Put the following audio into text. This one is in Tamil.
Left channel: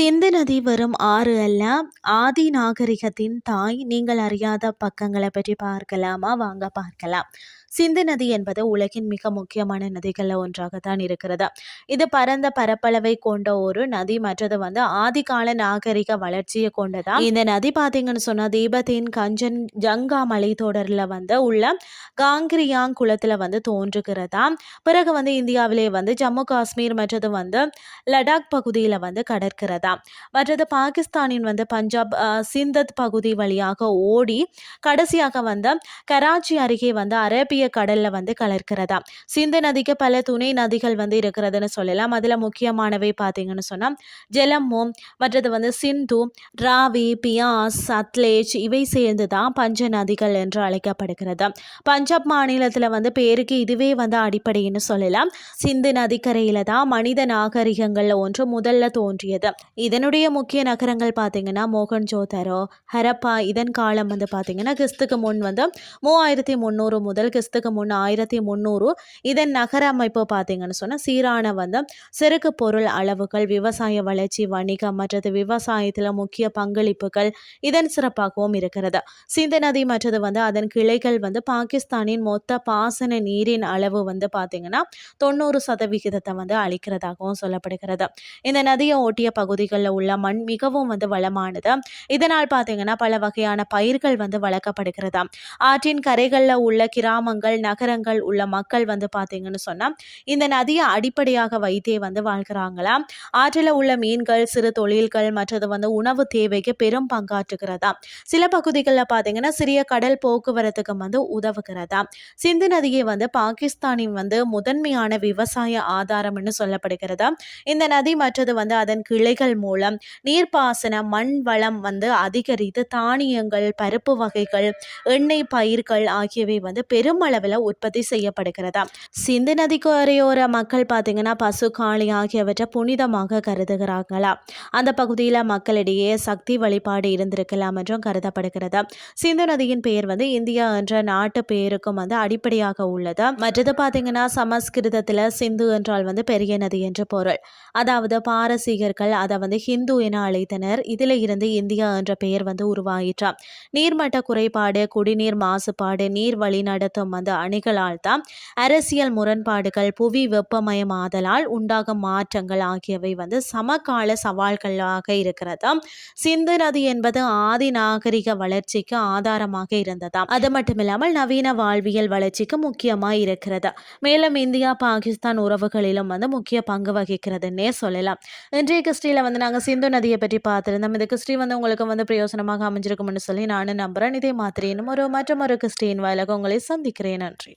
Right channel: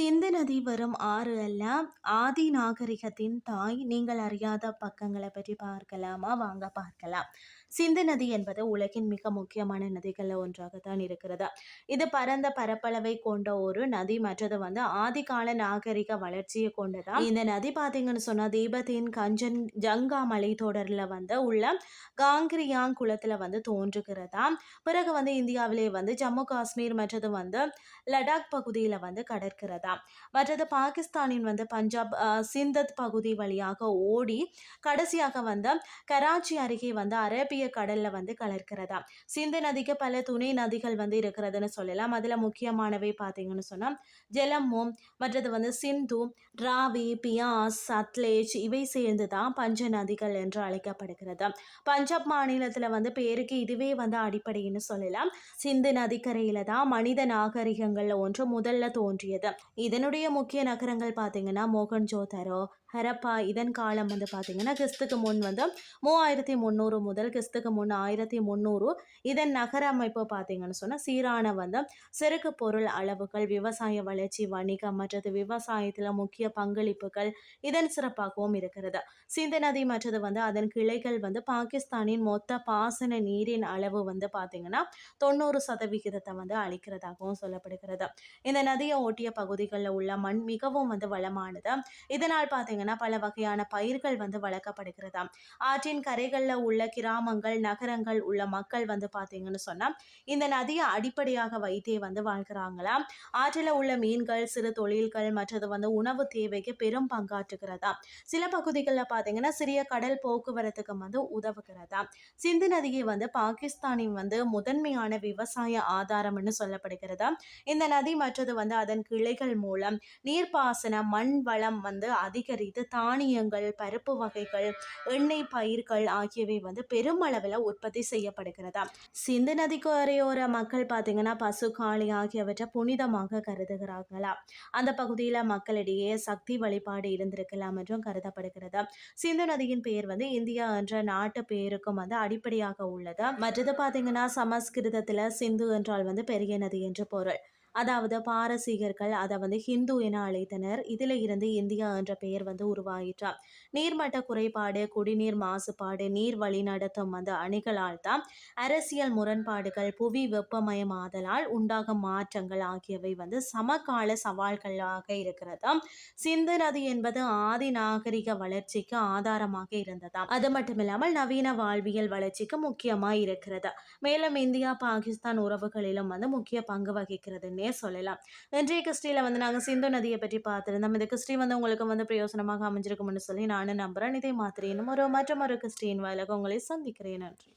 சிந்து நதி வெறும் ஆறு அல்ல. ஆதி நாகரிகத்தின் தாய். நீங்கள் அறியாத பக்கங்களை பற்றி பார்க்கலாமா? வாங்க பார்க்கலாம். சிந்து நதி என்பது உலகின் மிக முக்கியமான நதிகளில் ஒன்றாகத்தான் இருக்கிறது. இது பரந்த பரப்பளவை கொண்ட ஒரு நதி. மற்றது வந்து ஆதிகால நாகரிக வளர்ச்சியை கொண்டதா? இந்த நதி பார்த்தீங்கன்னு சொன்னா தீபத்தின் கஞ்சன் ஜங்கா மலைத்தொடரில் வந்து உள்ள காங்கிரியாங் குளத்துல வந்து தோன்றுகிறதா? பிறகு வந்து இந்தியாவிலே வந்து ஜம்மு காஷ்மீர் மற்றது வந்து லடாக் பகுதியில் வந்து கடற்கிறதா? மற்றது பாகிஸ்தானின் வந்து பஞ்சாப் அஹ், சிந்தத் பகுதி வழியாக ஓடி கடைசியாக வந்து கராச்சி அருகே வந்து அரேபிய கடல்ல வந்து கலக்கிறதா சிந்து நதிக்கு பல துணை நதிகள் வந்து இருக்கிறதுன்னு சொல்லலாம். அதுல முக்கியமானவை பார்த்தீங்கன்னு சொன்னா ஜெலம்மு மற்றது வந்து சிந்து ராவி பியாஸ் சத்லேஜ் இவை சேர்ந்து தான் பஞ்ச நதிகள் என்று அழைக்கப்படுகிறது. பஞ்சாப் மாநிலத்துல வந்து பேருக்கு இதுவே வந்து அடிப்படைன்னு சொல்லலாம். சிந்து நதிக்கரையில தான் மனித நாகரிகங்கள்ல ஒன்று முதல்ல தோன்றியது. இதனுடைய முக்கிய நகரங்கள் பார்த்தீங்கன்னா மோகன்ஜோதரோ ஹரப்பா இதன் காலம் வந்து பார்த்தீங்கன்னா கிறிஸ்துக்கு முன் வந்து மூவாயிரத்தி முந்நூறு முதல் கிறிஸ்துக்கு முன் ஆயிரத்தி முந்நூறு இதன் நகர அமைப்பு பார்த்தீங்கன்னு சொன்னால் சீரான வந்து செருக்கு பொருள் அளவுகள் விவசாய வளர்ச்சி வணிகம் மற்றது விவசாயத்தில் முக்கிய பங்களிப்புகள் இதன் சிறப்பாகவும் இருக்கிறது. சிந்து நதி மற்றது வந்து அதன் கிளைகள் வந்து பாகிஸ்தானின் மொத்த பாசன நீரின் அளவு வந்து பார்த்தீங்கன்னா தொண்ணூறு சதவிகிதத்தை வந்து அளிக்கிறதாகவும் சொல்லப்படுகிறது. இந்த நதியை ஒட்டிய பகுதிகளில் உள்ள மண் மிகவும் வந்து வளமானது. இதனால் பார்த்தீங்கன்னா பல வகையான பயிர்கள் வந்து வளர்க்கப்படுகிறது. ஆற்றின் கரைகளில் உள்ள கிராமங்கள் நகரங்கள் உள்ள மக்கள் வந்து பார்த்தீங்கன்னு சொன்னால் இந்த நதியை அடிப்படையாக வைத்தே வந்து வாழ்கிறாங்களாம் ஆற்றில் உள்ள மீன்கள் சிறு தொழில்கள் மற்றது வந்து உணவு தேவைக்கு பெரும் பங்காற்றுகிறதா? சில பகுதிகளில் பார்த்தீங்கன்னா சிறிய கடல் போக்குவரத்துக்கு வந்து உதவுகிறதா? சிந்து நதியை வந்து பாகிஸ்தானின் வந்து முதன்மையான விவசாய ஆதாரம்னு சொல்லப்படுகிறதா? இந்த நதி மற்றது வந்து அதன் கிளைகள் மூலம் நீர்ப்பாசன மண் வளம் வந்து அதிகரித்து தானியங்கள் பருப்பு வகைகள் எண்ணெய் பயிர்கள் ஆகியவை வந்து அளவில் உற்பத்தி செய்யப்படுகிறது சிந்து நதிக்கு அரையோர மக்கள் பார்த்தீங்கன்னா பசு காளி ஆகியவற்றை புனிதமாக கருதுகிறாங்களா அந்த பகுதியில் மக்களிடையே சக்தி வழிபாடு இருந்திருக்கலாம் என்றும் கருதப்படுகிறது சிந்து நதியின் பெயர் வந்து இந்தியா என்ற நாட்டு பெயருக்கும் வந்து அடிப்படையாக உள்ளது. மற்றது பார்த்தீங்கன்னா சமஸ்கிருதத்தில் சிந்து என்றால் வந்து பெரிய நதி என்று பொருள். அதாவது பாரசீகர்கள் அதை வந்து ஹிந்து என அழைத்தனர். இதில் இருந்து இந்தியா என்ற பெயர் வந்து உருவாயிற்றாம். நீர்மட்ட குறைபாடு குடிநீர் மாசுபாடு நீர் வழிநடத்தும் அந்த அணிகளால் தான் அரசியல் முரண்பாடுகள் புவி வெப்பமயமாதலால் உண்டாகும் மாற்றங்கள் ஆகியவை வந்து சமகால சவால்களாக இருக்கிறது சிந்து நதி என்பது ஆதி நாகரிக வளர்ச்சிக்கு ஆதாரமாக இருந்ததாம். அது மட்டுமில்லாமல் நவீன வாழ்வியல் வளர்ச்சிக்கு முக்கியமாக இருக்கிறது மேலும் இந்தியா பாகிஸ்தான் உறவுகளிலும் வந்து முக்கிய பங்கு வகிக்கிறதுன்னே சொல்லலாம். இன்றைய கிறிஸ்டியில் வந்து நாங்கள் சிந்து நதியை பற்றி பார்த்துருந்தோம். இந்த கிறிஸ்டி வந்து உங்களுக்கு வந்து பிரயோசனமாக அமைஞ்சிருக்கும்னு சொல்லி நானும் நம்புகிறேன் இதே மாதிரி இன்னும் ஒரு மற்றும் ஒரு கிறிஸ்டியின் வாயிலாக உங்களை சந்திக்கிறேன். நன்றி